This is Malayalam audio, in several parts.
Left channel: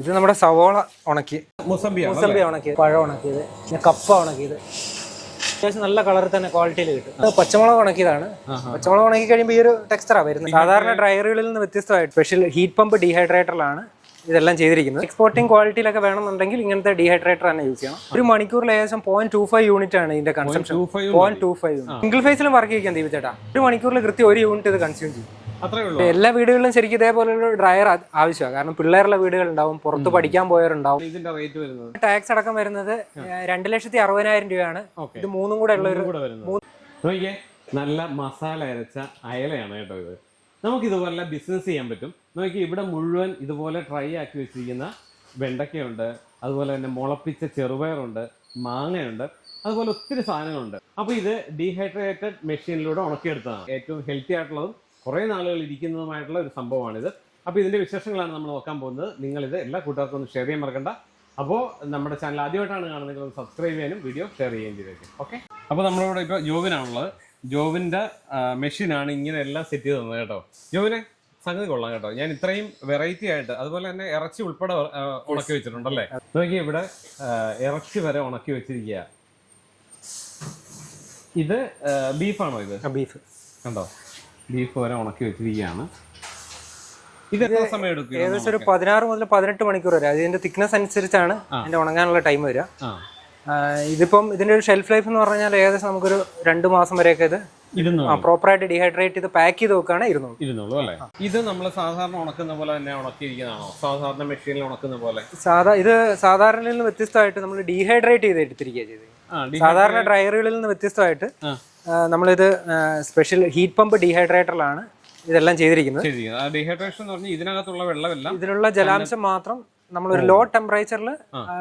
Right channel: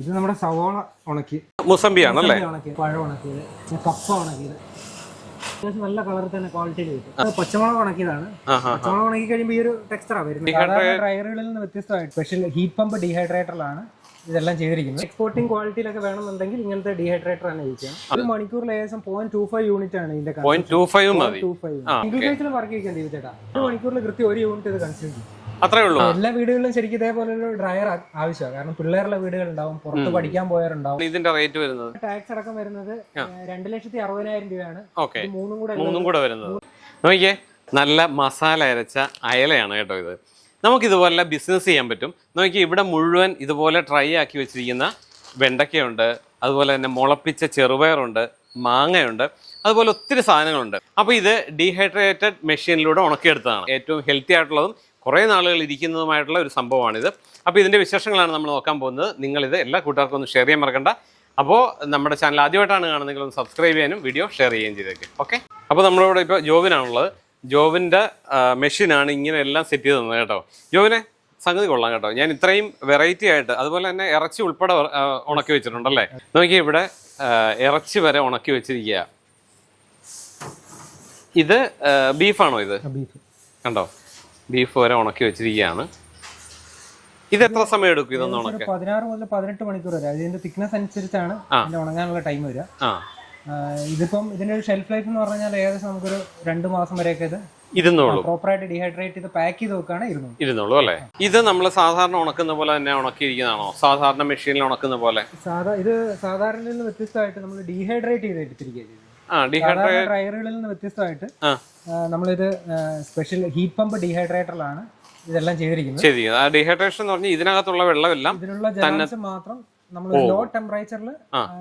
ഇത് നമ്മുടെ സവോള ഉണക്കി, മുസംബി ഉണക്കിയത്, പഴം ഉണക്കിയത്, പിന്നെ കപ്പ ഉണക്കിയത്. അത്യാവശ്യം നല്ല കളറിൽ തന്നെ ക്വാളിറ്റിയിൽ കിട്ടും. അത് പച്ചമുളക് ഉണക്കിയതാണ്. പച്ചമുളക് ഉണക്കി കഴിയുമ്പോൾ ഈ ഒരു ടെക്സ്ചറാണ് വരുന്നത്. സാധാരണ ഡ്രയറുകളിൽ നിന്ന് വ്യത്യസ്തമായിട്ട് സ്പെഷ്യൽ ഹീറ്റ് പമ്പ് ഡീഹൈഡ്രേറ്ററിലാണ് ഇതെല്ലാം ചെയ്തിരിക്കുന്നത്. എക്സ്പോർട്ടിംഗ് ക്വാളിറ്റിയിലൊക്കെ വേണമെന്നുണ്ടെങ്കിൽ ഇങ്ങനത്തെ ഡീഹൈഡ്രേറ്റർ തന്നെ യൂസ് ചെയ്യണം. ഒരു മണിക്കൂറിൽ ഏകദേശം 0.25 യൂണിറ്റ് ആണ് ഇതിന്റെ കൺസംപ്ഷൻ. 0.25 സിംഗിൾ ഫേസിലും വർക്ക് ചെയ്യിക്കാൻ ദീപിച്ചേട്ടാ. ഒരു മണിക്കൂറിൽ കൃത്യം 1 യൂണിറ്റ് ഇത് കൺസ്യൂം ചെയ്യും. അത്രേ ഉള്ളൂ. എല്ലാ വീടുകളിലും ശരിക്കും ഇതേപോലെ ഒരു ഡ്രയർ ആവശ്യമാണ്. കാരണം പിള്ളേരുള്ള വീടുകളുണ്ടാവും, പുറത്ത് പഠിക്കാൻ പോയവരുണ്ടാവും. ഇതിന്റെ റേറ്റ് വരുന്നത് ടാക്സ് അടക്കം വരുന്നത് 2,60,000 രൂപയാണ്. ഇത് മൂന്നും കൂടെ വരുന്നത്. നോക്കിയേ, നല്ല മസാല അരച്ച അയലയാണ് കേട്ടോ ഇത്. നമുക്കിതുപോലെ ബിസിനസ് ചെയ്യാൻ പറ്റും. നോക്കി, ഇവിടെ മുഴുവൻ ഇതുപോലെ ട്രൈ ആക്കി വെച്ചിരിക്കുന്ന വെണ്ടയ്ക്കയുണ്ട്, അതുപോലെ തന്നെ മുളപ്പിച്ച ചെറുപയറുണ്ട്, മാങ്ങയുണ്ട്, അതുപോലെ ഒത്തിരി സാധനങ്ങളുണ്ട്. അപ്പോൾ ഇത് ഡീഹൈഡ്രേറ്റഡ് മെഷീനിലൂടെ ഉണക്കിയെടുത്തതാണ്. ഏറ്റവും ഹെൽത്തി ആയിട്ടുള്ളതും കുറേ നാളുകൾ ഇരിക്കുന്നതുമായിട്ടുള്ള ഒരു സംഭവമാണിത്. അപ്പോൾ ഇതിൻ്റെ വിശേഷങ്ങളാണ് നമ്മൾ നോക്കാൻ പോകുന്നത്. നിങ്ങളിത് എല്ലാ കൂട്ടുകാർക്കും ഒന്ന് ഷെയർ ചെയ്യാൻ മറക്കണ്ട. അപ്പോൾ നമ്മുടെ ചാനൽ ആദ്യമായിട്ടാണ് കാണുന്നതെങ്കിൽ ഒന്ന് സബ്സ്ക്രൈബ് ചെയ്യാനും വീഡിയോ ഷെയർ ചെയ്യുകയും ചെയ്തേക്കും. ഓക്കെ, അപ്പോൾ നമ്മളിവിടെ ഇപ്പോൾ ജോബിനാണുള്ളത്. ജോബിൻ്റെ മെഷീനാണ് ഇങ്ങനെ എല്ലാം സെറ്റ് ചെയ്ത് തന്നത് കേട്ടോ. ജോബിനെ സംഗതി കൊള്ളാം കേട്ടോ. ഞാൻ ഇത്രയും വെറൈറ്റി ആയിട്ട്, അതുപോലെ തന്നെ ഇറച്ചി ഉൾപ്പെടെ ഉണക്കി വെച്ചിട്ടുണ്ടല്ലേ. നോക്കി, ഇവിടെ ഇറച്ചി വരെ ഉണക്കി വെച്ചിരിക്കുക. ഇത് ബീഫാണോ? ഇത് ബീഫ് കണ്ടോ, ബീഫ് വരെ ഉണക്കി വെച്ചിരിക്കുകയാണ്. ഇത് എത്ര സമയം എടുക്കും? ഒരു 16 മുതൽ 18 മണിക്കൂർ വരെ. അതിന്റെ തിക്നെസ് അനുസരിച്ചാണ് അതിന്റെ ഉണങ്ങാനുള്ള ടൈം വരിക. ഇതിപ്പം ഇതിന്റെ ഒരു ഷെൽഫ് ലൈഫ് എന്ന് പറഞ്ഞാൽ ഏകദേശം നമുക്കൊരു 2 മാസം വരെയൊക്കെ ഇത് പ്രോപ്പറായിട്ട് ഡീഹൈഡ്രേറ്റ് ചെയ്ത് പാക്ക് ചെയ്ത് വെക്കാണ് ഇരുന്നുള്ളൂ അല്ലേ. ഇത് നമ്മൾ സാധാരണ ഉണക്കുന്ന പോലെ തന്നെ ഉണക്കിയിരിക്കുന്നതാണോ? സാധാരണ മെഷീനിൽ ഉണക്കുന്ന പോലെ? ഇത് സാധാരണയിൽ നിന്ന് വ്യത്യസ്തമായിട്ട് നമ്മൾ ഡീഹൈഡ്രേറ്റ് ചെയ്ത് എടുത്തിരിക്കുക ചെയ്തത്. സാധാരണ ഡ്രയറുകളിൽ നിന്ന് വ്യത്യസ്തമായിട്ട് നമ്മളിത് സ്പെഷ്യൽ ഹീറ്റ് പമ്പ് ഡീഹൈഡ്രേറ്ററിലാണ് ഇതെല്ലാം ചെയ്തിരിക്കുന്നത്. ഡീഹൈഡ്രേഷൻ എന്ന് പറഞ്ഞാൽ ഇതിനകത്തുള്ള വെള്ളമെല്ലാം, ഇതിനുള്ള ജലാംശം മാത്രം നമ്മളൊരു ലോ ടെമ്പറേച്ചറിൽ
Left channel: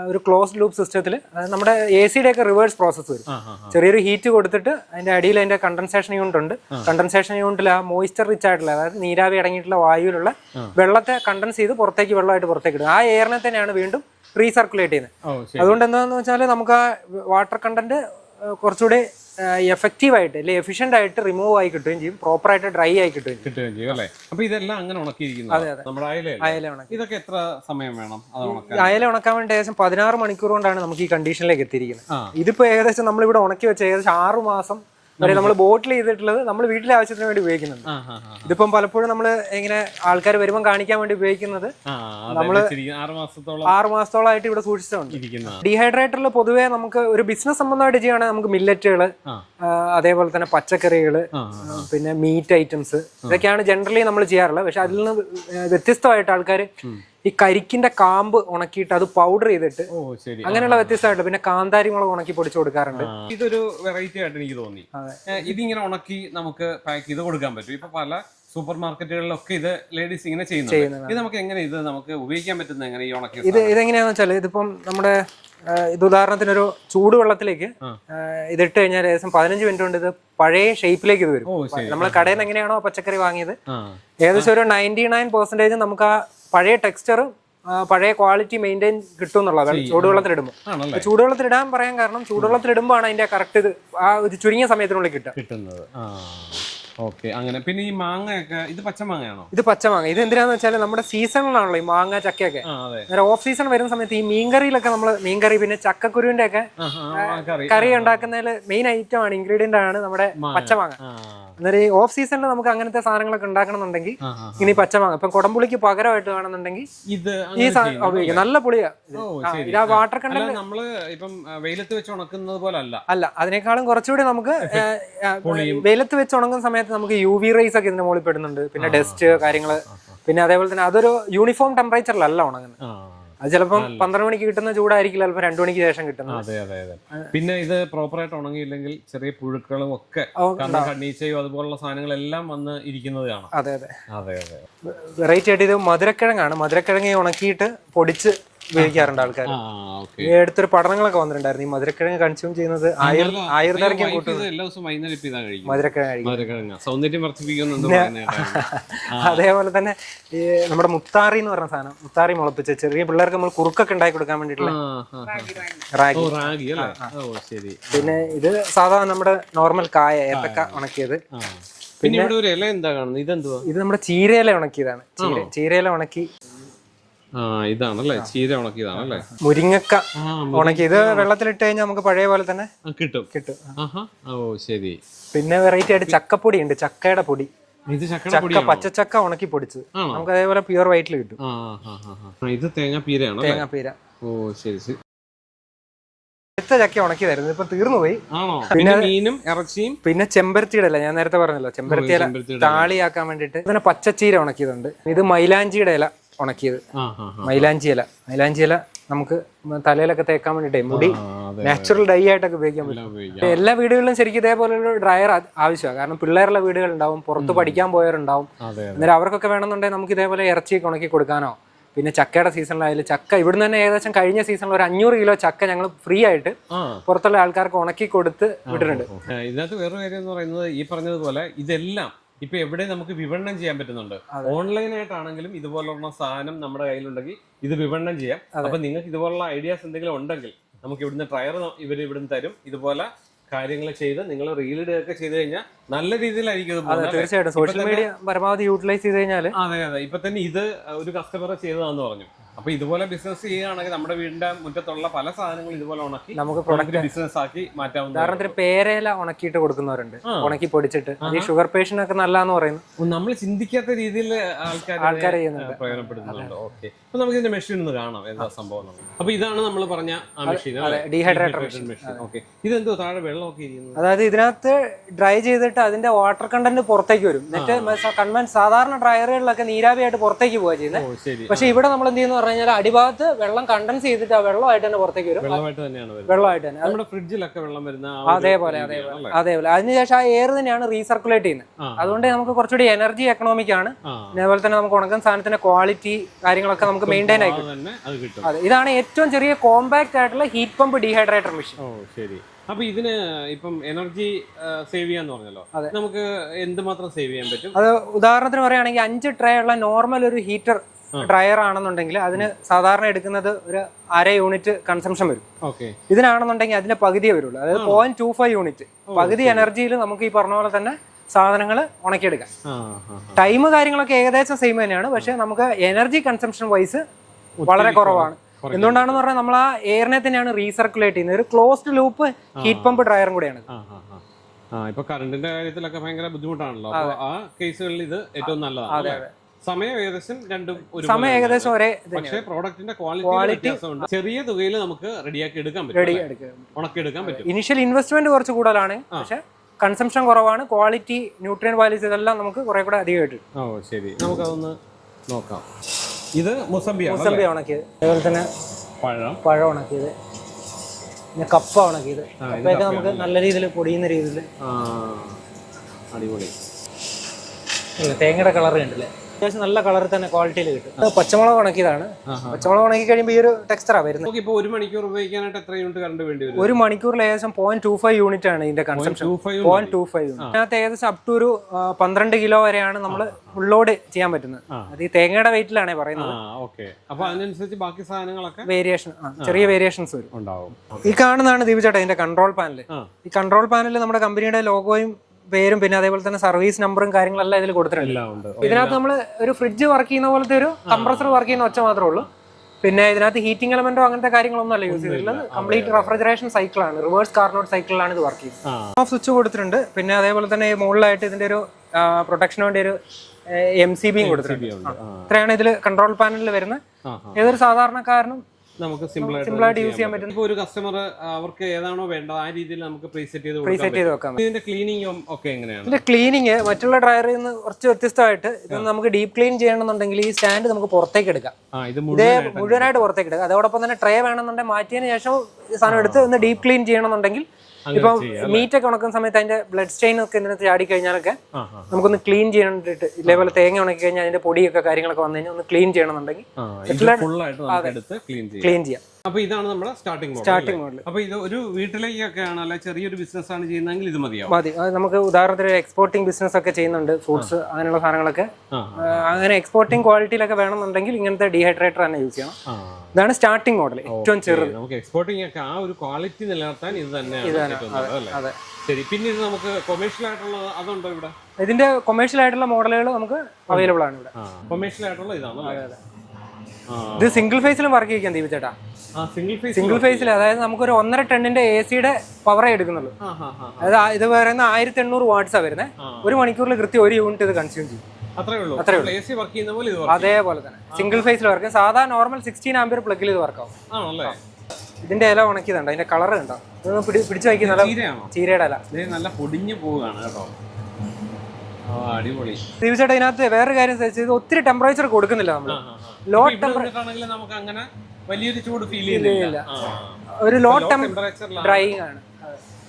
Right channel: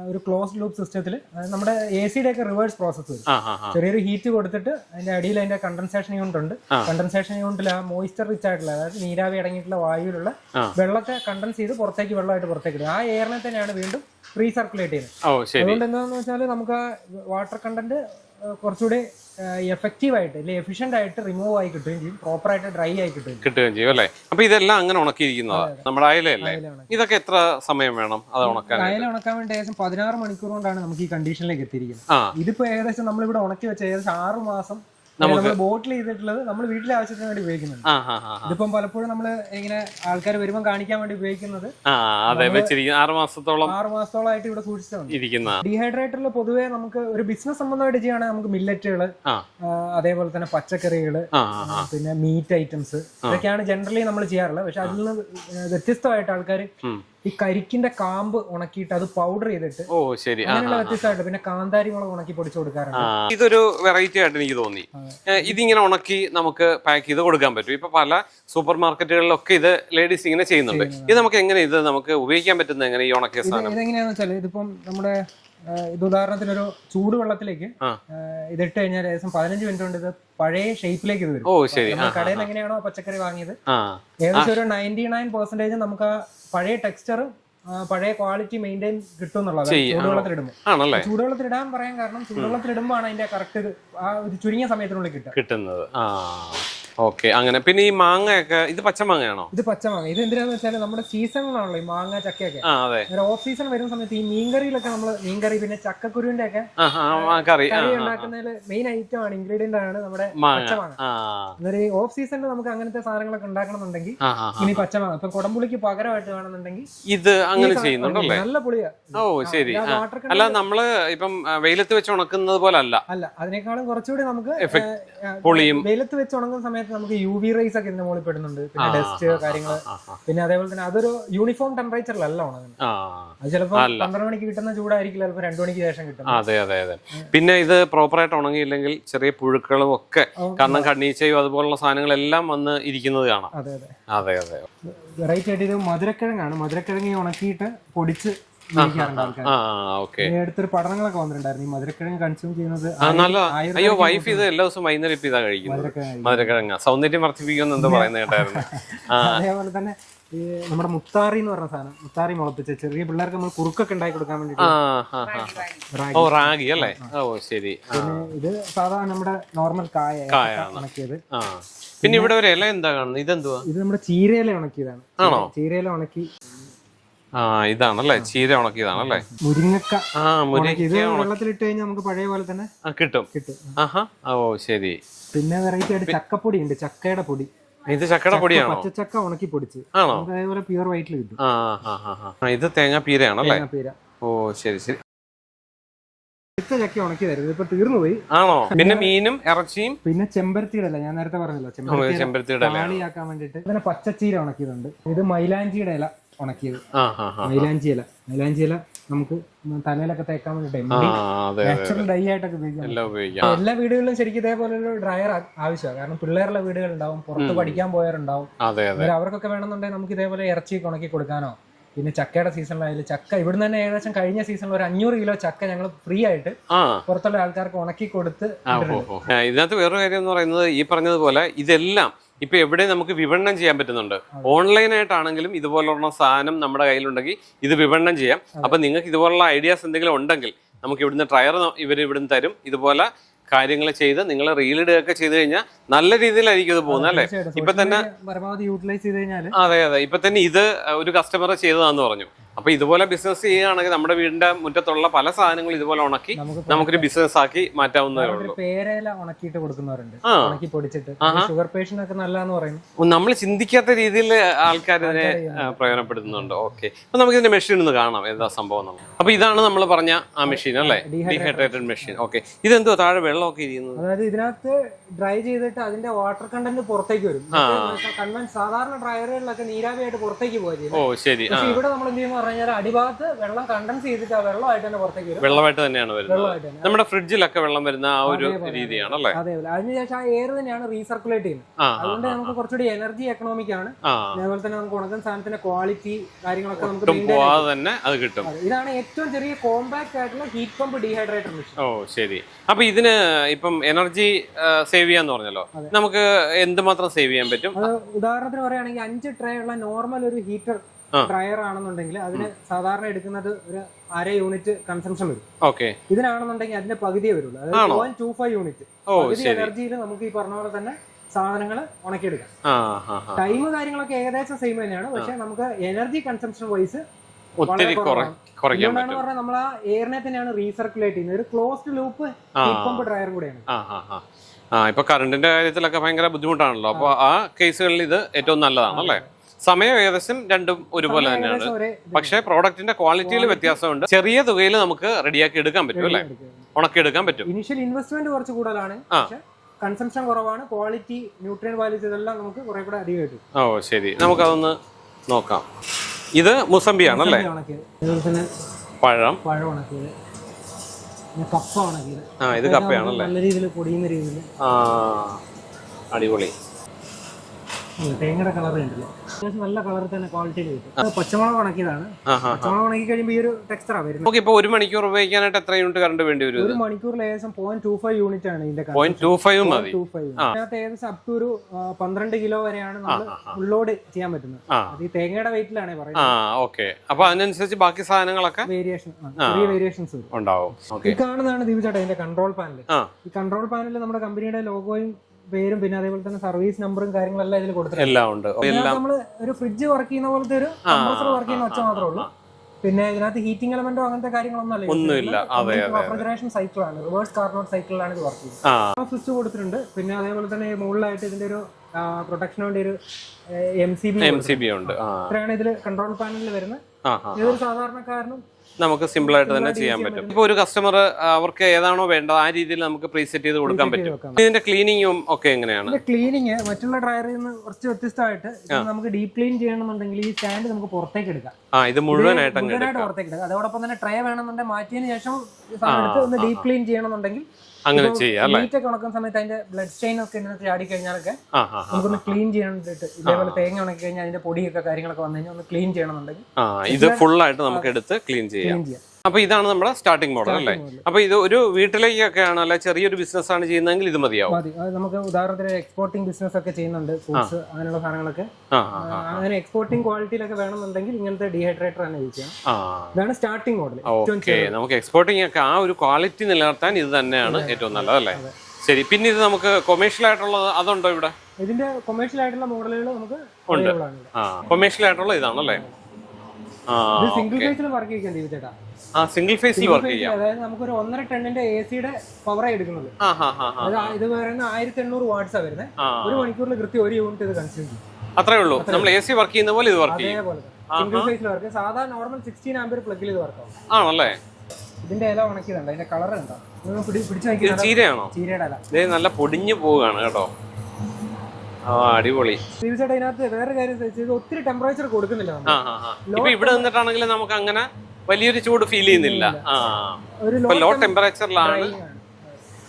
ഒരു ക്ലോസ്ഡ് ലൂപ്പ് സിസ്റ്റത്തിൽ, നമ്മുടെ AC ഒക്കെ റിവേഴ്സ് പ്രോസസ് വരും. ചെറിയൊരു ഹീറ്റ് കൊടുത്തിട്ട് അതിന്റെ അടിയിൽ അതിന്റെ കണ്ടൻസേഷൻ യൂണിറ്റ് ഉണ്ട്. കണ്ടൻസേഷൻ യൂണിറ്റിൽ ആ മോയ്സ്ചർ റിച്ച് ആയിട്ടുള്ള, അതായത് നീരാവി അടങ്ങിയിട്ടുള്ള വായുവിലുള്ള വെള്ളത്തെ കണ്ടൻസ് ചെയ്ത് പുറത്തേക്ക് വെള്ളമായിട്ട് പുറത്തേക്ക് ഇടും. ആ എയറിനെ തന്നെയാണ് വീണ്ടും റീസർക്കുലേറ്റ് ചെയ്യുന്നത്. അതുകൊണ്ട് എന്താണെന്ന് വെച്ചാൽ നമുക്ക് ആ വാട്ടർ കണ്ടന്റ് കുറച്ചുകൂടി എഫക്റ്റീവായിട്ട് അല്ലെങ്കിൽ എഫിഷ്യന്റ് ആയിട്ട് റിമൂവ് ആയി കിട്ടുകയും ചെയ്യും, പ്രോപ്പറായിട്ട് ഡ്രൈ ആയി കിട്ടുകയും ചെയ്യും അല്ലേ. അപ്പൊ ഇതെല്ലാം അങ്ങനെ ഉണക്കിയിരിക്കുന്നത് നമ്മുടെ അയല. ഇതൊക്കെ എത്ര സമയം വേണം അത് ഉണക്കാൻ? അയല ഉണക്കാൻ വേണ്ടി ഏകദേശം 16 മണിക്കൂർ കൊണ്ടാണ് നമുക്ക് ഈ കണ്ടീഷനിലേക്ക് എത്തിയിരിക്കുന്നത്. ഇതിപ്പോ ഏകദേശം നമ്മളിവിടെ ഉണക്കി വെച്ച ഏകദേശം 6 മാസം നമ്മൾ ബോട്ടിൽ ചെയ്തിട്ടുള്ളത് നമ്മൾ വീട്ടിലെ ആവശ്യത്തിന് വേണ്ടി ഉപയോഗിക്കുന്നുണ്ട്. ഇതിപ്പം പലപ്പോഴും നമ്മൾ ഇങ്ങനെ ആൾക്കാർ വരുമ്പോൾ കാണിക്കാൻ വേണ്ടി ഉപയോഗിക്കുന്നത് 6 മാസത്തോളമായിട്ട് ഇവിടെ സൂക്ഷിച്ചിട്ടുണ്ട്. ഡീഹൈഡ്രേറ്ററിൽ പൊതുവേ നമുക്ക് ഒരു ബിസിനസ് സംബന്ധമായിട്ട് ചെയ്യുകയാണെങ്കിൽ നമുക്ക് മില്ലറ്റുകൾ, അതേപോലെ തന്നെ പച്ചക്കറികള്, പിന്നെ മീറ്റ് ഐറ്റംസ്, ഇതൊക്കെയാണ് ജനറലി നമ്മൾ ചെയ്യാറുള്ളത്. പക്ഷെ അതിൽ നിന്ന് വ്യത്യസ്തമായിട്ട് ആൾക്കാർ ഈ കരിക്കിന്റെ കാമ്പ് ഉണക്കിയിട്ട് അത് പൗഡർ ചെയ്തിട്ട് അങ്ങനെയുള്ള വ്യത്യസ്തമായിട്ട്, പിന്നെ കാന്താരി മുളക് ഉണക്കി പൊടിച്ചു കൊടുക്കാറുണ്ട്. ഇതൊരു വെറൈറ്റി ആയിട്ട് എനിക്ക് തോന്നി. ഇതിങ്ങനെ ഉണക്കി നമുക്ക് പാക്ക് ചെയ്ത് കൊടുക്കാൻ പറ്റും. ഇപ്പൊ പല സൂപ്പർ മാർക്കറ്റുകളിലൊക്കെ ഇത് ലേഡീസ് ഇങ്ങനെ ചെയ്യുന്നുണ്ട്. ഇത് നമുക്ക് എങ്ങനെ ഇത് നമുക്ക് ഉപയോഗിക്കാൻ പറ്റുന്നത് എങ്ങനെ ഈ ഉണക്കിയ? ഇതെങ്ങനെയാന്ന് വെച്ചാൽ, ഇതിപ്പം നമ്മുടെ ഇത് ഉദാഹരണത്തിനൊരു ചൂടുവെള്ളത്തിലേക്ക് ഇതിട്ട് കഴിഞ്ഞാൽ ഏകദേശം 15 മിനിറ്റ് കൊണ്ട് ഇത് പഴയ ഷേപ്പിലേക്ക് ഇത് വരും. നമ്മൾ കടയിൽ നിന്ന് എങ്ങനെയാണോ പച്ചക്കറി വാങ്ങിയത്, ഏകദേശം ഒരു 99% നമുക്ക് ആ പഴയ ടെക്സ്ചർ, പഴയ ക്വാളിറ്റി മെയിൻറ്റെയിൻ കിട്ടും എന്നുള്ളത് ചൂടുവെള്ളത്തിലിടുമ്പോൾ. ചൂടുവെള്ളത്തിലിടാൻ പറയാൻ കാരണം, ചൂടുവെള്ളത്തിലിടുമ്പോൾ ആണ് അതിന്റെ കറക്റ്റ് ഇത് ആ ഒരു ചുരുങ്ങിയ സമയത്തിനുള്ളിൽ കിട്ടുന്നത്. ഓക്കെ, അങ്ങനെ. പിന്നെ ഈ മാങ്ങയൊക്കെ, ഇത് പച്ചമാങ്ങയാണോ? ഇത് പച്ചമാങ്ങ. ഇത് എന്തിനാന്ന് വെച്ചാൽ നമ്മുടെ സീസണിലാണല്ലോ ഈ മാങ്ങ ചക്കയൊക്കെ. ഓഫ് സീസൺ വരുന്ന സമയത്ത് ഈ മീൻകറിയിലൊക്കെ നമ്മള് മീൻകറി, പിന്നെ ചക്കക്കുരുവിന്റെ ഒക്കെ കറി ഉണ്ടാക്കുന്നതിൽ മെയിൻ ഐറ്റം ആണ്, ഇൻഗ്രീഡിയന്റ് ആണ് നമ്മുടെ പച്ചമാങ്ങ. അന്നേരം ഈ ഓഫ് സീസണിൽ നമുക്ക് അങ്ങനത്തെ സാധനങ്ങളൊക്കെ ഉണ്ടാക്കണമെന്നുണ്ടെങ്കിൽ ഇനി പച്ചമാങ്ങ. ഇപ്പം കുടംപുളിക്ക് പകരമായിട്ട് വേണമെന്നുണ്ടെങ്കിൽ ഇത് നല്ല പുളിയാ. വാട്ടർ കണ്ടന്റ് നമ്മള് ഇപ്പം വെയിലത്ത് വെച്ച് ഉണക്കുന്നത് പോലെ അല്ല, അതിനേക്കാളും കുറച്ചുകൂടി നമുക്ക് വെയിലത്ത് വെച്ച് ഉണങ്ങുന്ന സമയത്ത് നമുക്ക് UV റേസ് ഒക്കെ ഇതിന്റെ മുകളിൽ പെടുന്നുണ്ട്, പിന്നെ ഡസ്റ്റ് കാര്യങ്ങള്, പിന്നെ അതേപോലെ തന്നെ അതൊരു യൂണിഫോം ടെമ്പറേച്ചറിലല്ല ഉണങ്ങുന്നത്. അത് ചിലപ്പോൾ 12 മണിക്ക് കിട്ടുന്ന ചൂടായിരിക്കില്ല, ചിലപ്പോൾ 2 മണിക്ക് ശേഷം കിട്ടുന്നത്. അതെ. പിന്നെ ഇത് പ്രോപ്പറായിട്ട് ഉണങ്ങിയില്ലെങ്കിൽ ചെറിയ പുഴുക്കളും ഒക്കെ, കാരണം കണ്ണീച്ചയും അതുപോലുള്ള സാധനങ്ങളെല്ലാം വന്ന് ഇരിക്കുന്നത് കാണാം. അതെ. വെറൈറ്റി ആയിട്ട് ഇത് മധുരക്കിഴങ്ങാണ്. മധുരക്കിഴങ്ങ് ഉണക്കിയിട്ട് പൊടിച്ച് ഉപയോഗിക്കാറുണ്ട് ആൾക്കാർ. അടുത്തൊരു പഠനങ്ങളൊക്കെ വന്നിട്ടുണ്ടായിരുന്നു, ഈ മധുരക്കിഴങ്ങ് കൺസ്യൂം ചെയ്യുന്നത് മധുരക്കിഴങ്ങ് സൗന്ദര്യം വർദ്ധിപ്പിക്കുമെന്ന് പറയുന്നത്. അതേപോലെ തന്നെ ഈ നമ്മുടെ മുത്താറി എന്ന് പറഞ്ഞ സാധനം, മുത്താറി മുളപ്പിച്ച ചെറിയ പിള്ളേർക്ക് നമ്മൾ കുറുക്കൊക്കെ ഉണ്ടാക്കി കൊടുക്കാൻ വേണ്ടിട്ട് റാഗി അല്ലേ. ശരി. പിന്നെ ഇത് സാധാരണ നമ്മുടെ നോർമൽ കായ, ഏത്തക്ക ഉണക്കിയത്. പിന്നെ ഇവിടെ ഒരു ഇല എന്താ കാണുന്നത്? ഇതെന്തുവാ? ഇത് നമ്മുടെ ചീരയില ഉണക്കിയതാണ്. ചീരയില ഉണക്കി ആ ഇതാണല്ലേ, ചീര ഉണക്കിയതാണല്ലേ. മുരിങ്ങക്ക ആ ഉണക്കി, ഇത് വെള്ളത്തിലിട്ട് കഴിഞ്ഞാൽ നമുക്ക് പഴയ പോലെ തന്നെ കിട്ടും. ആഹാ, ഓ ശരി. പിന്നെ വെറൈറ്റി ആയിട്ട് ചക്കപ്പൊടി ഉണ്ട്, ചക്കയുടെ പൊടി. ഇത് ചക്കയുടെ പൊടിയാണോ? പച്ചച്ചക്ക ഉണക്കി പൊടിച്ചത് നമുക്ക് അതേപോലെ പ്യുവർ വൈറ്റിൽ കിട്ടും. ഇത് തേങ്ങാപ്പീരയാണല്ലേ? തേങ്ങാപ്പീര. ഓ ശരി ശരി. ചക്ക ഉണക്കിയതായിരുന്നു, ഇപ്പൊ തീർന്നു പോയി. ആണോ? പിന്നെ മീനും ഇറച്ചിയും. പിന്നെ ചെമ്പരത്തിയുടെ ഇല, ഞാൻ നേരത്തെ പറഞ്ഞല്ലോ, ചെമ്പരത്തിയുടെ താളിയാക്കാൻ വേണ്ടിട്ട് ഇതിനെ പച്ചച്ചീര ഉണക്കിയതുണ്ട്. ഇത് മൈലാഞ്ചിയുടെ ഇല ഉണക്കിയത്. മൈലാഞ്ചി ഇല നമുക്ക് തലയിലൊക്കെ തേക്കാൻ വേണ്ടിട്ടേ, മുടി നാച്ചുറൽ ഡൈ ആയിട്ടൊക്കെ ഉപയോഗിക്കാൻ പറ്റും. എല്ലാ വീടുകളിലും ശരിക്കും ഇതേപോലെ ഒരു ഡ്രയർ ആവശ്യമാണ്. കാരണം പിള്ളേരുള്ള വീടുകൾ ഉണ്ടാവും, പുറത്ത് പഠിക്കാൻ പോയവരുണ്ടാവും. അന്നേരം അവർക്കൊക്കെ വേണമെന്നുണ്ടെങ്കിൽ നമുക്ക് ഇതേപോലെ ഇറച്ചിയൊക്കെ ഉണക്കി കൊടുക്കാനോ. പിന്നെ ചക്കയുടെ സീസണിലായാലും ചക്ക ഇവിടുന്ന് തന്നെ ഏകദേശം കഴിഞ്ഞ സീസണിൽ ഒരു 500 കിലോ ചക്ക ഞങ്ങൾ ഫ്രീ ആയിട്ട് പുറത്തുള്ള ആൾക്കാർക്ക് ഉണക്കി കൊടുത്ത് വിട്ടിട്ടുണ്ട്. ഇതിനകത്ത് വേറൊരു കാര്യം എന്ന് പറയുന്നത്, ഈ പറഞ്ഞതുപോലെ ഇതെല്ലാം ഇപ്പൊ എവിടെ നമുക്ക് വിപണനം ചെയ്യാൻ പറ്റുന്നുണ്ട്. ഓൺലൈനായിട്ടാണെങ്കിലും ഇതുപോലുള്ള സാധനം നമ്മുടെ കയ്യിലുണ്ടെങ്കിൽ ഇത് വിപണനം ചെയ്യാം. അപ്പൊ നിങ്ങൾക്ക് ഇതുപോലുള്ള ഐഡിയാസ് എന്തെങ്കിലും ഉണ്ടെങ്കിൽ നമുക്ക് ഇവിടുന്ന് ട്രയർ ഇവർ ഇവിടുന്ന് തരും. ഇതുപോലെ കാര്യങ്ങൾ ചെയ്ത് നിങ്ങൾ റീലിടുകയൊക്കെ ചെയ്ത് കഴിഞ്ഞാൽ നല്ല രീതിയിലായിരിക്കും ഇത് പോകുന്നത് അല്ലേ? ഇപ്പൊ തന്നെ പരമാവധി യൂട്ടിലൈസ് ചെയ്ത് കഴിഞ്ഞാൽ. അതെ ഇപ്പൊ തന്നെ ഇത് ഒരു കസ്റ്റമർ ചെയ്തതാന്ന് പറഞ്ഞു. അപ്പൊ ഇതുപോലെ ബിസിനസ് ചെയ്യുകയാണെങ്കിൽ നമ്മുടെ വീടിന്റെ മുറ്റത്തുള്ള പല സാധനങ്ങളും ഇതുപോലെ ഉണക്കി നമുക്കൊരു ബിസിനസ് ആക്കി മാറ്റാവുന്ന. പേരയില ഉണക്കിയിട്ട് കൊടുക്കുന്നവരുണ്ട്, ഉണക്കി പൊടിച്ചിട്ട്. ഷുഗർ പേഷ്യന്റ് ഒക്കെ നല്ലതെന്ന് പറയുന്നു. നമ്മൾ ചിന്തിക്കാത്ത രീതിയിൽ ആൾക്കാർ പ്രയോജനപ്പെടുത്തുന്നുണ്ട്. ഓക്കെ, അപ്പൊ നമുക്ക് ഇതിന്റെ മെഷീൻ ഒന്ന് കാണാം എന്താ സംഭവം. അപ്പൊ ഇതാണ് നമ്മൾ പറഞ്ഞ ആ മെഷീൻ അല്ലേ? Dehydrated machine. ഓക്കെ, ഇതെന്തോ താഴെ വെള്ളമൊക്കെ ഇരിക്കുന്നത്. അതായത് ഇതിനകത്ത് ഡ്രൈ ചെയ്തിട്ട് അതിന്റെ വാട്ടർ കണ്ടന്റ് പുറത്തേക്ക് വരും. സാധാരണ ഡ്രയറുകളിലൊക്കെ നീരാവിയായിട്ട് പുറത്തേക്ക് പോവുക ചെയ്യുന്നത്. പക്ഷെ ഇവിടെ നമ്മൾ എന്ത് ചെയ്യുന്ന പറഞ്ഞാൽ അടിഭാഗത്ത് വെള്ളം കണ്ടൻസ് ചെയ്തിട്ട് ആ വെള്ളമായിട്ട് തന്നെ പുറത്തേക്ക് വരും. വെള്ളമായിട്ട് തന്നെയാണ് വരുന്നത്. നമ്മുടെ ഫ്രിഡ്ജിലൊക്കെ വെള്ളം വരുന്ന അതേപോലെ. അതിനുശേഷം ആ എയർ തന്നെയാണ് റീസർക്കുലേറ്റ് ചെയ്യുന്നത്. അതുകൊണ്ട് നമുക്ക് കുറച്ചുകൂടി എനർജി എക്കണോമിക് ആണ്. അതേപോലെ തന്നെ നമുക്ക് ഉണക്കുന്ന സാധനത്തിന്റെ ക്വാളിറ്റി കാര്യങ്ങളൊക്കെ നമുക്ക് മെയിൻറ്റെയിൻ കിട്ടും. ഇതാണ് ഏറ്റവും ചെറിയ കോമ്പാക്ട് ആയിട്ടുള്ള ഹീറ്റ് പമ്പ് ഡീഹൈഡ്രേറ്റർ മെഷീൻ. ഓ ശരി. അപ്പൊ ഇതിന് ഇപ്പം എനർജി സേവ് ചെയ്യാന്ന് പറഞ്ഞല്ലോ, നമുക്ക് എന്തുമാത്രം സേവ് ചെയ്യാൻ പറ്റും? അത് ഉദാഹരണത്തിന് പറയുകയാണെങ്കിൽ 5 ട്രേ ഉള്ള നോർമൽ ഒരു ഹീറ്റർ ഡ്രയർ ആണെന്നുണ്ടെങ്കിൽ അതിന് സാധാരണ എടുക്കുന്നത് ഒരു 1/2 യൂണിറ്റ് കൺസംഷൻ വരും. ഓക്കെ, ഇതിനാണെന്നുണ്ടെങ്കിൽ അതിന്റെ പകുതിയേ വരുള്ളൂ. അതായത് 0.25 യൂണിറ്റ് പകുതി എനർജിയിൽ നമുക്ക് ഈ പറഞ്ഞ പോലെ തന്നെ സാധനങ്ങൾ ഉണക്കിയെടുക്കാം. ടൈം കാര്യങ്ങളൊക്കെ ഏകദേശം സെയിം തന്നെയാണ്, പക്ഷെ നമുക്ക് എനർജി കൺസംഷൻ വൈസ് വളരെ കുറവാണ്. എന്തുകൊണ്ടാണെന്ന് പറഞ്ഞാൽ നമ്മൾ ആ എയറിനെ തന്നെയാണ് റീസർക്കുലേറ്റ് ചെയ്യുന്നത്. ഒരു ക്ലോസ്ഡ് ലൂപ്പ് ഹീറ്റ് പമ്പ് ഡ്രയറും കൂടെയാണ്. ഇപ്പൊ കറണ്ടിന്റെ കാര്യത്തിലൊക്കെ ഭയങ്കര ബുദ്ധിമുട്ടാണല്ലോ. അപ്പൊ ആ കേസുകളിൽ ഇത് ഏറ്റവും നല്ലതാണ് അല്ലേ? സമയം ഏകദേശം രണ്ടും ഒരുപോലെ, പക്ഷെ പ്രോഡക്റ്റിന്റെ ക്വാളിറ്റിയിൽ വ്യത്യാസമുണ്ട്. ചെറിയ തുകയിൽ നമുക്ക് റെഡിയാക്കി എടുക്കാൻ പറ്റും, ഉണക്കിയെടുക്കാൻ പറ്റും. ഇനിഷ്യൽ ഇൻവെസ്റ്റ്മെന്റ് കുറച്ച് കൂടുതലാണ്, പക്ഷെ കൺസംഷൻ കുറവാണ്. ക്വാളിറ്റി, ന്യൂട്രിയൻ വാല്യൂസ് ഇതെല്ലാം നമുക്ക് കുറെ കൂടെ അധികമായിട്ട്. ഓ ശരി, നമുക്കതൊന്ന് നോക്കാം. ഇത് മുസംബിയാണ് അല്ലേ? അതേപോലെ തന്നെ പഴം ഉണക്കിയത്, പിന്നെ കപ്പ ഉണക്കിയത്. ഇത് കപ്പയാണല്ലേ? നല്ല രീതിയിൽ പൊടിയുന്ന രീതിയിൽ. അടിപൊളി. തേങ്ങയുടെ കളർ കണ്ടില്ലേ? അത്യാവശ്യം നല്ല കളർ തന്നെ ക്വാളിറ്റിയിൽ കിട്ടും. പച്ചമുളക് ഉണക്കിയതാണ്. പച്ചമുളക് ഉണക്കി കഴിയുമ്പോൾ ഈ ഒരു ടെക്സ്ചറാ വരുന്നത്. നമുക്ക് ഇപ്പോൾ 1 മണിക്കൂർ ഉപയോഗിക്കാനായിട്ട് എത്ര യൂണിറ്റ് കറണ്ട് വേണ്ടി വരും? 1 മണിക്കൂറിൽ ഏകദേശം 0.25 യൂണിറ്റ് ആണ് ഇതിന്റെ കൺസംഷൻ. 0.25 അതിനകത്ത് ഏകദേശം അപ് ടു ഒരു 12 കിലോ വരെയാണ് നമ്മൾ ഉള്ളോഡ് ചെയ്യാൻ പറ്റുന്നത്. അത് ഈ തേങ്ങയുടെ വെയിറ്റിലാണ് പറയുന്നത്. അപ്പൊ അതിനനുസരിച്ച് ബാക്കി സാധനങ്ങളൊക്കെ വേരിയേഷൻ, ചെറിയ വേരിയേഷൻസ് വരും, ഉണ്ടാവും. ഈ കാണുന്നതാണ് ദീപചേട്ടാ ഇതിന്റെ കൺട്രോൾ പാനൽ. ഈ കൺട്രോൾ പാനലിൽ നമ്മുടെ കമ്പനിയുടെ ലോഗോയും പേരും പിന്നെ അതേപോലെ തന്നെ സർവീസ് നമ്പറും കാര്യങ്ങളെല്ലാം ഇതിൽ കൊടുത്തിട്ടുണ്ട്. ഇതിനകത്ത് നമ്മൾ ഒരു ഫ്രിഡ്ജ് വർക്ക് ചെയ്യുന്ന പോലത്തെ ഒരു കംപ്രസർ വർക്ക് ചെയ്യുന്ന ഒച്ച മാത്രമേ ഉള്ളൂ. പിന്നെ ഇതിനകത്ത് ഹീറ്റിംഗ് എലമെന്റോ അങ്ങനത്തെ കാര്യങ്ങളൊന്നും അല്ല യൂസ് ചെയ്യുന്നത്. റെഫ്രിജറേഷൻ സൈക്കിളാണ്, റിവേഴ്സ് കാർനോട്ട് സൈക്കിളിലാണ് ഇത് വർക്ക് ചെയ്യുന്നത്. ഓഫ് സ്വിച്ച് കൊടുത്തിട്ടുണ്ട്. പിന്നെ അതേപോലെ തന്നെ മുകളിലായിട്ട് ഇതിന്റെ ഒരു പ്രൊട്ടക്ഷന് വേണ്ടി ഒരു MCB ഉണ്ട്. ഇത്രയാണ് ഇതിൽ കൺട്രോൾ പാനലിൽ വരുന്നത്. ഏതൊരു സാധാരണക്കാരനും നമുക്ക് സിമ്പിൾ ആയിട്ട് തന്നെ ചെയ്യാൻ പറ്റും. ഇപ്പൊ ഒരു കസ്റ്റമർ അവർക്ക് ഏതാണോ വേണ്ടത് ആ രീതിയിൽ നമുക്ക് പ്രീസെറ്റ് ചെയ്ത് കൊടുക്കാൻ പറ്റും. ഇതിന്റെ ക്ലീനിങ്ങും ഒക്കെ എങ്ങനെയാണ്? ക്ലീനിങ് മറ്റുള്ള ഡ്രയറിൽ നിന്ന് കുറച്ച് വ്യത്യസ്തമായിട്ട് നമുക്ക് ഡീപ് ക്ലീൻ ചെയ്യണമെന്നുണ്ടെങ്കിൽ ഈ സ്റ്റാൻഡ് നമുക്ക് പുറത്തേക്ക് എടുക്കാം. ഇത് മുഴുവനായിട്ട് പുറത്തേക്ക് എടുക്കാം. അതോടൊപ്പം തന്നെ ട്രേ വേണമെന്നുണ്ടെങ്കിൽ മാറ്റിയതിന് ശേഷം സാധനം എടുത്ത് ഒന്ന് ഡീപ് ക്ലീൻ ചെയ്യണമെന്നുണ്ടെങ്കിൽ മീറ്റ് ഒക്കെ ഉണക്കുന്ന സമയത്ത് അതിന്റെ ബ്ലഡ് സ്റ്റെയിൻ ഒക്കെ ഇതിനകത്ത് ചാടി കഴിഞ്ഞാലൊക്കെ നമുക്കൊന്ന് ക്ലീൻ ചെയ്യണ്ടിട്ട് ഇതേപോലെ തേങ്ങ ഉണക്കി കഴിഞ്ഞാൽ അതിന്റെ പൊടിയൊക്കെ കാര്യങ്ങളൊക്കെ വന്നു കഴിഞ്ഞാൽ ഒന്ന് ക്ലീൻ ചെയ്യണമെന്നുണ്ടെങ്കിൽ ഫുൾ ആയിട്ട് നമുക്ക് എടുത്ത് ക്ലീൻ ചെയ്യാം. അപ്പൊ ഇതാണ് നമ്മുടെ സ്റ്റാർട്ടിംഗ് മോഡൽ അല്ലേ? അപ്പൊ ഇത് ഒരു വീട്ടിലേക്കൊക്കെ ആണ് അല്ലെ ചെറിയൊരു ബിസിനസ് ആണ് ചെയ്യുന്നതെങ്കിൽ ഇത് മതിയാവും. മതി. നമുക്ക് ഉദാഹരണത്തിന് എക്സ്പോർട്ടിംഗ് ബിസിനസ് ഒക്കെ ചെയ്യുന്നുണ്ട്, ഫ്രൂട്ട്സ് അങ്ങനെയുള്ള സാധനങ്ങളൊക്കെ. അങ്ങനെ എക്സ്പോർട്ടിംഗ് ക്വാളിറ്റിയിലൊക്കെ വേണമെന്നുണ്ടെങ്കിൽ ഇങ്ങനത്തെ ഡീഹൈഡ്രേറ്റർ തന്നെ യൂസ് ചെയ്യണം. ഇതാണ് സ്റ്റാർട്ടിംഗ് മോഡൽ. ഏറ്റവും ചെറിയ നമുക്ക് എക്സ്പോർട്ടിംഗ് ഒക്കെ ആ ഒരു ക്വാളിറ്റി നിലനിർത്താൻ ഇത് തന്നെയാണ് ഏറ്റവും നല്ലത് അല്ലേ? ശരി. പിന്നെ ഇത് നമുക്ക് കൊമേഴ്ഷ്യൽ ആയിട്ടുള്ളത് അതുണ്ടോ ഇവിടെ? ഇതിന്റെ കൊമേഴ്ഷ്യൽ ആയിട്ടുള്ള മോഡലുകൾ നമുക്ക് അവൈലബിൾ ആണ് ഇവിടെ. കൊമേഴ്ഷ്യൽ ആയിട്ടുള്ള ഇതാണല്ലേ? ഇത് സിംഗിൾ ഫേസിലും വർക്ക് ചെയ്യിക്കാം ദീപു ചേട്ടാ. സിംഗിൾ സിംഗിൾ ഫേസിൽ അതായത് നമുക്കൊരു 1.5 ടണ്ണിന്റെ AC യുടെ പവറേ എടുക്കുന്നുള്ളൂ. അതായത് ഇത് പറയുന്ന 1800 വാട്ട്സാണ് വരുന്നത്. ഒരു മണിക്കൂറിൽ കൃത്യം 1 യൂണിറ്റ് ഇത് കൺസ്യൂം ചെയ്യും. അത്രേ ഉള്ളൂ. AC വർക്ക് ചെയ്യുന്ന പോലെ ഇത് അതേപോലെ തന്നെ സിംഗിൾ ഫേസിൽ വർക്ക്. സാധാ നോർമൽ 16 ആംപിയർ പ്ലഗിൽ ഇത് വർക്കാവും. ആണല്ലേ? ഇതിന്റെ ഇല ഉണക്കിയതുണ്ട്, അതിന്റെ കളർ ഉണ്ടോ പിടിച്ചു നോക്കിയത്? ചീരയാണോ? ചീരയുടെ ഇല നല്ല പൊടിഞ്ഞു പോവുകയാണ് കേട്ടോ. അടിപൊളി. തീർച്ചയായിട്ടും ഇതിനകത്ത് വേറെ കാര്യം ഇത് ഒത്തിരി ടെമ്പറേച്ചർ കൊടുക്കുന്നില്ല. ഇവിടെ നിന്നിട്ടാണെങ്കിൽ നമുക്ക് അങ്ങനെ വലിയൊരു ചൂട് ഫീൽ ചെയ്യുന്നില്ല. ഒരു ലോ ടെമ്പറേച്ചറിലാണ് ഡ്രൈയിങ് ആണ്.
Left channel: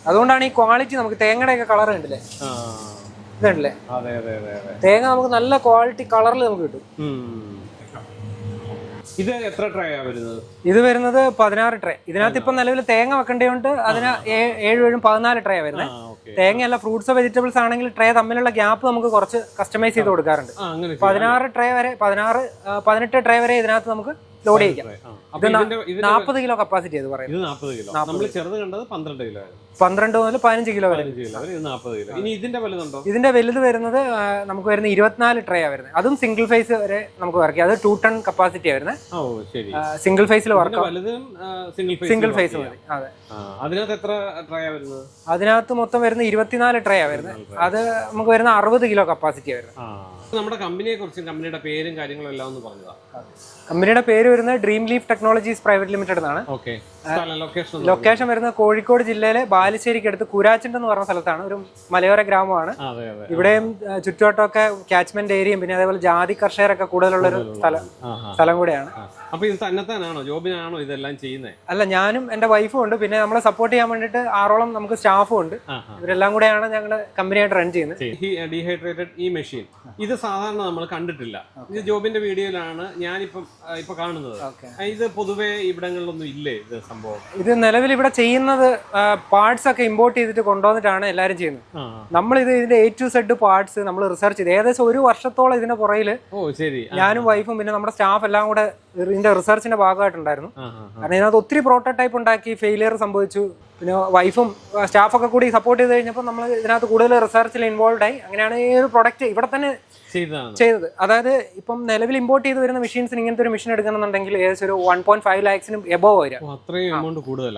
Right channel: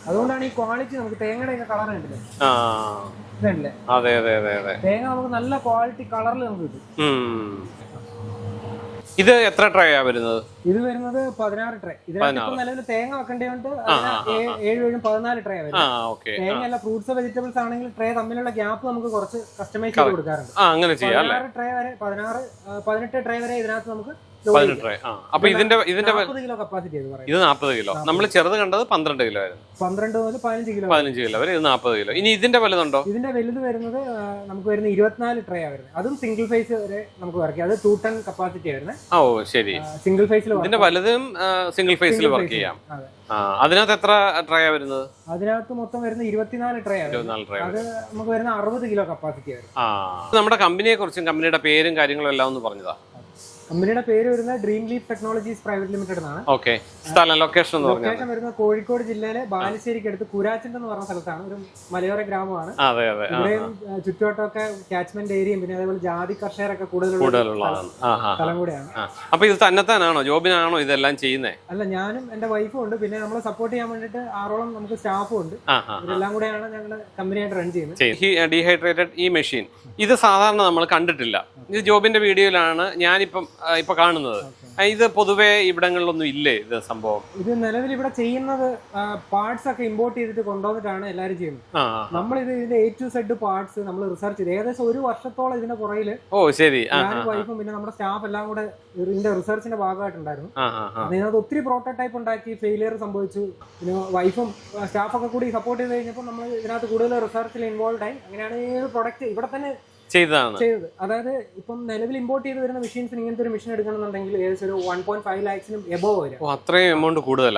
അതുകൊണ്ടാണ് ഈ ക്വാളിറ്റി നമുക്ക് തേങ്ങയുടെ ഒക്കെ കളർ കണ്ടില്ലേ? ഇതല്ലേ? അതെ അതെ അതെ അതെ. തേങ്ങ നമുക്ക് നല്ല ക്വാളിറ്റി കളറിൽ നമുക്ക് കിട്ടും. ഇത് എത്ര ട്രേ ആ വരുന്നത്? ഇത് വരുന്നത് 16 ട്രേ. ഇതിനകത്ത് ഇപ്പൊ നിലവിൽ തേങ്ങ വെക്കേണ്ടതുകൊണ്ട് അതിന് 7 14 ട്രേ വരുന്നത്. തേങ്ങയല്ല, ഫ്രൂട്ട്സ് വെജിറ്റബിൾസ് ആണെങ്കിൽ ട്രേ തമ്മിലുള്ള ഗ്യാപ്പ് നമുക്ക് കുറച്ച് കസ്റ്റമൈസ് ചെയ്ത് കൊടുക്കാറുണ്ട്. 16 ട്രേ വരെ 18 ട്രേ വരെ ഇതിനകത്ത് നമുക്ക് ലോഡ് ചെയ്യാം. 40 കിലോ കപ്പാസിറ്റി ഇത് പറയുന്നത്. ഇത് 40 കിലോ. നമ്മൾ ചെറുത് കണ്ടത് 12 കിലോ ആയിരുന്നു. 12 മുതൽ 15 കിലോ വരെ. ഇത് 40 കിലോ. ഇനി ഇതിന്റെ വലുതുണ്ടോ? ഇതിന്റെ വലുത് വരുന്നത് നമുക്ക് വരുന്ന 24 ട്രേ ആ വരുന്നത്. അതും സിംഗിൾ ഫേസ് വരെ നമുക്ക് വർക്ക് ചെയ്യാം. അത് 2 ടൺ കപ്പാസിറ്റി ആ വരുന്നത്. ഓ ശരി. സിംഗിൾ ഫേസിൽ വലുതും സിംഗിൾ ഫേസിൽ. അതിനകത്ത് എത്ര ട്രേ ആ വരുന്നത്? അതിനകത്ത് മൊത്തം വരുന്ന 24 ട്രേ ആ വരുന്നത്. അത് നമുക്ക് വരുന്ന 60 കിലോ കപ്പാസിറ്റി ആ വരുന്നത്. നമ്മുടെ കമ്പനിയെ കുറിച്ചും കമ്പനിയുടെ പേരും കാര്യങ്ങളും എല്ലാം ഒന്ന് പറഞ്ഞതാ. കമ്പനിയുടെ പേര് വരുന്നത് dream leaf technologies private limited എന്നാണ്. ലൊക്കേഷൻ വരുന്നത് കോഴിക്കോട് ജില്ലയിലെ ബാലുശ്ശേരിക്ക് അടുത്ത് കൂരാച്ചിണ്ട് എന്ന് പറഞ്ഞ സ്ഥലത്താണ്. ഒരു മലയോര ഗ്രാമമാണ്. ഇവിടെയും ചുറ്റുവട്ടമൊക്കെ കാച്ച്മെന്റ് ഏരിയയും പിന്നെ അതേപോലെ ജാതി കർഷകരൊക്കെ കൂടുതലുള്ള സ്ഥലം കൂടെയാണ്. അപ്പൊ ഇത് തന്നെത്താനാണോ, ജോബിനാണോ ഇതെല്ലാം ചെയ്യുന്നത്? അല്ല, ഞാനും എന്റെ വൈഫും ഉണ്ട്. പിന്നെ നമ്മളെ സപ്പോർട്ട് ചെയ്യാൻ വേണ്ടിട്ട് 6ഓളം നമുക്ക് സ്റ്റാഫും ഉണ്ട്. ഇവരെല്ലാം കൂടെയാണ് ഞങ്ങൾ കമ്പനിയായിട്ട് റൺ ചെയ്യുന്നത്. ഡീഹൈഡ്രേറ്റഡ് ഈ മെഷീൻ ഇത് സാധാരണ നമ്മൾ കണ്ടിട്ടില്ല. ഇത് ജോബിന്റെ വീഡിയോയിലാണ് ഞാനിപ്പം കാണുന്നത്. ഇത് പൊതുവെ ഇവിടങ്ങളിലൊന്നും ഇല്ലേ ഇത് സംഭവം? ഇത് നിലവിൽ ഇവിടെ ചെയ്യുന്നത് പാർട്സ് ഒക്കെ ഇമ്പോർട്ട് ചെയ്തിട്ട് കൊണ്ടുവന്നിട്ടാണ് എല്ലാരും ചെയ്യുന്നത്. നമ്മൾ ഇതിന്റെ A to Z പാർട്സ് നമ്മൾ റിസർച്ച് ചെയ്ത് ഏകദേശം 1 വർഷത്തോളം ഇതിന്റെ പുറകില് ഞാനും വൈഫും പിന്നെ നമ്മുടെ സ്റ്റാഫ് എല്ലാം കൂടെ ഇതിന്റെ റിസർച്ചിന്റെ ഭാഗമായിട്ടുണ്ടായിരുന്നു. അതിനകത്ത് ഒത്തിരി പ്രോട്ടോടൈപ്പ് ഉണ്ടാക്കി ഫെയിലിയർ സംഭവിച്ചു. പിന്നെ വൈഫും സ്റ്റാഫൊക്കെ കൂടി സപ്പോർട്ട് ചെയ്ത് കഴിഞ്ഞപ്പോൾ നമ്മൾ ഇതിനകത്ത് കൂടുതൽ റിസർച്ചിൽ ഇൻവോൾവ് ആയി. അങ്ങനെയാണ് ഈ ഒരു പ്രൊഡക്റ്റ് ഇവിടെ തന്നെ ചെയ്തത്. അതായത് ഇപ്പം നിലവിൽ ഇമ്പോർട്ട് ചെയ്ത് വരുന്ന മെഷീൻസിന് ഇങ്ങനത്തെ ഒരു മെഷീൻ എടുക്കണമെന്നുണ്ടെങ്കിൽ ഏകദേശം ഒരു 1.5 lakhs എബോവ് വരും. എമൗണ്ട് കൂടുതൽ.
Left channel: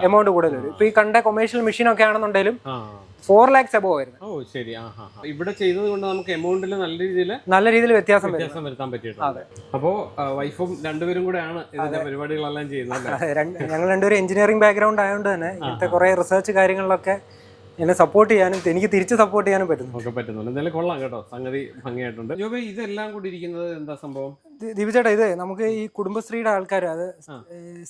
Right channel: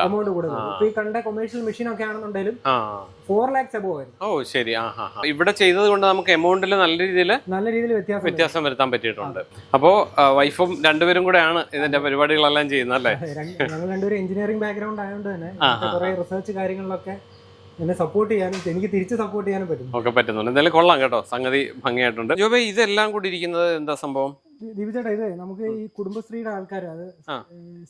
ഇപ്പൊ ഈ കണ്ട കൊമേഴ്ഷ്യൽ മെഷീൻ ഒക്കെ ആണെന്നുണ്ടെങ്കിലും 4 lakhs എബോവ് വരും. ഇവിടെ ചെയ്തത് കൊണ്ട് നമുക്ക് എമൗണ്ടിൽ നല്ല രീതിയിൽ വ്യത്യാസം വരുത്താൻ പറ്റിയിട്ടുണ്ട്. അപ്പോ വൈഫും രണ്ടുപേരും കൂടെയാണ് ഇതിന്റെ പരിപാടികളെല്ലാം ചെയ്യുന്നത് അല്ലേ? ഞങ്ങൾ രണ്ടുപേരും എഞ്ചിനീയറിംഗ് ബാക്ക്ഗ്രൗണ്ട് ആയതുകൊണ്ട് തന്നെ കുറെ റിസർച്ച് കാര്യങ്ങളിലൊക്കെ എന്നെ സപ്പോർട്ട് ചെയ്യാനും എനിക്ക് തിരിച്ച് സപ്പോർട്ട് ചെയ്യാനും പറ്റുന്നുണ്ട്. എന്തായാലും കൊള്ളാം കേട്ടോ, സംഗതി ഭംഗിയായിട്ടുണ്ട്. ജോബേ, ഇതെല്ലാം കൂടി ഇരിക്കുന്നത് എന്താ സംഭവം? ദീപചേട്ടാ, ഇത് നമുക്ക് ഈ കുടുംബശ്രീയുടെ ആൾക്കാർ, അത്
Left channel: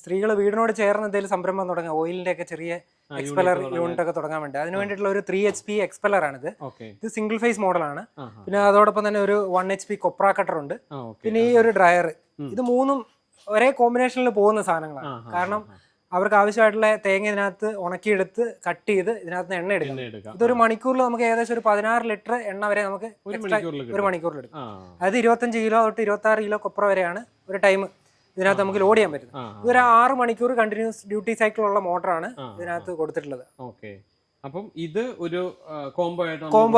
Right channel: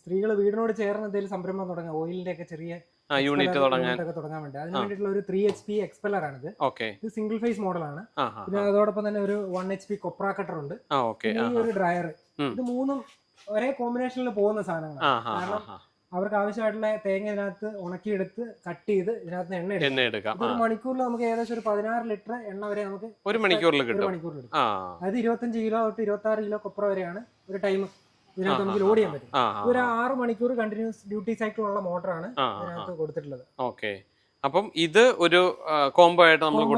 സ്ത്രീകൾ വീടിനോട് ചേർന്ന് എന്തെങ്കിലും സംരംഭം തുടങ്ങാം, ഓയിലിന്റെ ഒക്കെ ചെറിയ യൂണിറ്റ് ഒക്കെ തുടങ്ങാൻ വേണ്ടി അതിന് വേണ്ടിയിട്ടുള്ള ഒരു 3 HP എക്സ്പെല്ലർ ആണിത്. ഇത് സിംഗിൾ ഫേസ് മോഡലാണ്. പിന്നെ അതോടൊപ്പം തന്നെ ഒരു 1 HP കൊപ്ര കട്ടർ ഉണ്ട്. പിന്നെ ഈ ഒരു ഡ്രയർ. ഇത് മൂന്നും ഒരേ കോമ്പിനേഷനിൽ പോകുന്ന സാധനങ്ങളാണ്. കാരണം അവർക്ക് ആവശ്യമായിട്ടുള്ള തേങ്ങ ഇതിനകത്ത് ഉണക്കിയെടുത്ത് കട്ട് ചെയ്ത് ഇതിനകത്ത് എണ്ണ എടുക്കാം. ഇതൊരു മണിക്കൂറിൽ നമുക്ക് ഏകദേശം ഒരു 16 ലിറ്റർ എണ്ണ വരെ നമുക്ക് ഒരു മണിക്കൂറിൽ എടുക്കും. അതായത് 25 കിലോ തൊട്ട് 26 കിലോ കൊപ്ര വരെയാണ് ഒരു ടൈം ഇതിനകത്ത് നമുക്ക് ലോഡ് ചെയ്യാൻ പറ്റും. ഇതൊരു 6 മണിക്കൂർ കണ്ടിന്യൂസ് ഡ്യൂട്ടി സൈക്കിൾ ഉള്ള മോട്ടറാണ് ഇതിനകത്ത് കൊടുത്തിട്ടുള്ളത്. അപ്പം ഇത് ഒരു കോംബോ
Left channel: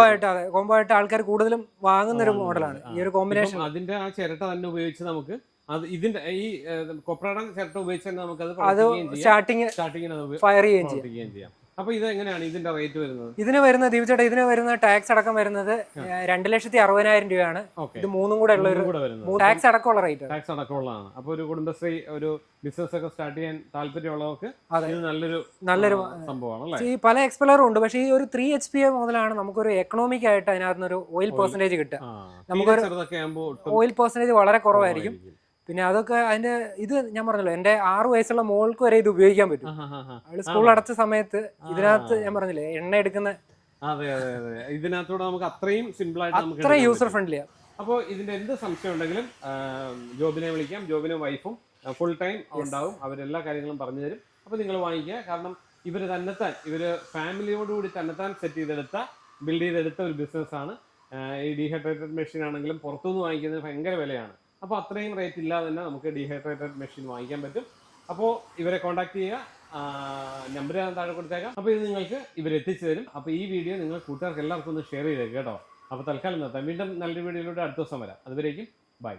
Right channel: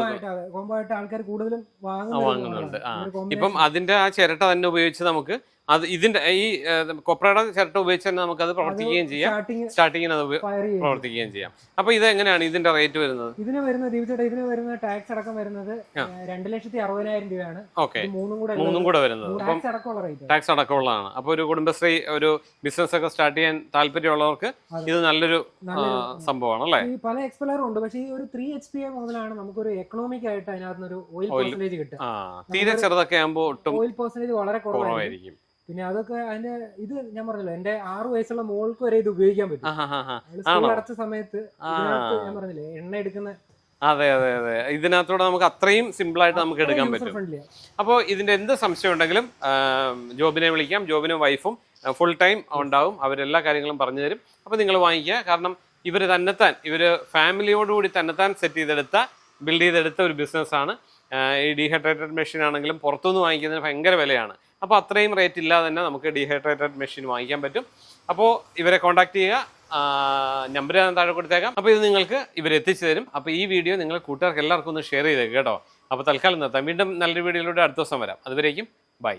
ആയിട്ട് ആൾക്കാർ കൂടുതലും വാങ്ങുന്ന ഒരു മോഡലാണ് ഈ ഒരു കോമ്പിനേഷൻ. അതിന്റെ ആ ചിരട്ട തന്നെ ഉപയോഗിച്ച് നമുക്ക് ഇതിന്റെ ഈ കൊപ്രയുടെ ചിരട്ട ഉപയോഗിച്ച് തന്നെ നമുക്ക് അത് പ്രവർത്തിക്കുകയും ചെയ്യാം, സ്റ്റാർട്ടിങ്ങിന് അത് പ്രവർത്തിക്കുകയും ചെയ്യാം. അപ്പൊ ഇത് എങ്ങനെയാണ് ഇതിന്റെ റേറ്റ് വരുന്നത്? ഇതിന് വരുന്നത് ദീപചേട്ടാ, ഇതിന് വരുന്ന ടാക്സ് അടക്കം വരുന്നത് 2,60,000 രൂപയാണ്. ഇത് മൂന്നും കൂടെ വരുന്നത് ടാക്സ് അടക്കമുള്ള റേറ്റ്. ടാക്സ് അടക്കമുള്ളതാണ്. അപ്പൊ ഒരു കുടുംബശ്രീ ഒരു ബിസിനസ് ഒക്കെ സ്റ്റാർട്ട് ചെയ്യാൻ താല്പര്യമുള്ളവർക്ക് ഇത് നല്ലൊരു സംഭവമാണ് അല്ലേ? ഈ പല എക്സ്പെല്ലറും ഉണ്ട്, പക്ഷേ ഈ ഒരു 3 HP മുതലാണ് നമുക്കൊരു എക്കണോമിക് ആയിട്ട് അതിനകത്ത് ഒരു ഓയിൽ പെർസെന്റേജ് കിട്ടുക. ഓയിൽ പെർസെന്റേജ് വളരെ കുറവായിരിക്കും. പിന്നെ അതൊക്കെ അതിന്റെ ഇത് ഞാൻ പറഞ്ഞല്ലോ, എന്റെ 6 വയസ്സുള്ള മോൾക്ക് വരെ ഇത് ഉപയോഗിക്കാൻ പറ്റും. സ്കൂൾ അടച്ച സമയത്ത് ഇതിനകത്ത് ഞാൻ പറഞ്ഞില്ലേ എണ്ണ എടുക്കുന്ന. അതെ അതെ അതെ, ഇതിനകത്തൂടെ നമുക്ക് അത്രയും സിമ്പിൾ ആയിട്ട് നമുക്ക് യൂസർ ഫ്രണ്ട്ലി. അപ്പോൾ ഇതിന്റെ എന്ത് സംശയം ഉണ്ടെങ്കിലും ജോബിനെ വിളിക്കാം. ജോബിനും വൈഫും ഫുൾ ടൈം ഉണ്ടാവും, അവരെല്ലാ കാര്യങ്ങളും പറഞ്ഞു തരും. അപ്പോൾ നിങ്ങൾ വാങ്ങിക്കുക. കാരണം ഇവര് ഫാമിലിയോടുകൂടി തന്നെത്താൻ ബിൽഡ് ചെയ്തെടുത്ത ഒരു ബിസിനസ്സാണ്. ഈ ഡീഹൈഡ്രേറ്റഡ് മെഷീൻ ആണെങ്കിലും പുറത്തുനിന്ന് വാങ്ങിക്കുന്നതിന് ഭയങ്കര വിലയാണ്. അപ്പോൾ അത്രയും റേറ്റ് ഇല്ലാതെ തന്നെ നമുക്ക് ഡീഹൈഡ്രേറ്റഡ് മെഷീൻ വാങ്ങിക്കാൻ പറ്റും. അപ്പോൾ ഇവരെ കോൺടാക്ട് ചെയ്യുക. നമ്പർ ഞാൻ താഴെ കൊടുത്തേക്കാം. അപ്പോൾ ഇത് നിങ്ങൾക്ക് ഇവരെത്തിച്ചു തരും. അപ്പോൾ ഈ വീഡിയോ നിങ്ങൾ കൂട്ടുകാർക്ക് എല്ലാവർക്കും ഒന്ന് ഷെയർ ചെയ്തേക്ക് കേട്ടോ. അപ്പോൾ തൽക്കാലം നിർത്താം. വീണ്ടും നല്ലൊരു വീഡിയോയിലൂടെ അടുത്ത ദിവസം വരാം. അതുവരേക്കും ബൈ.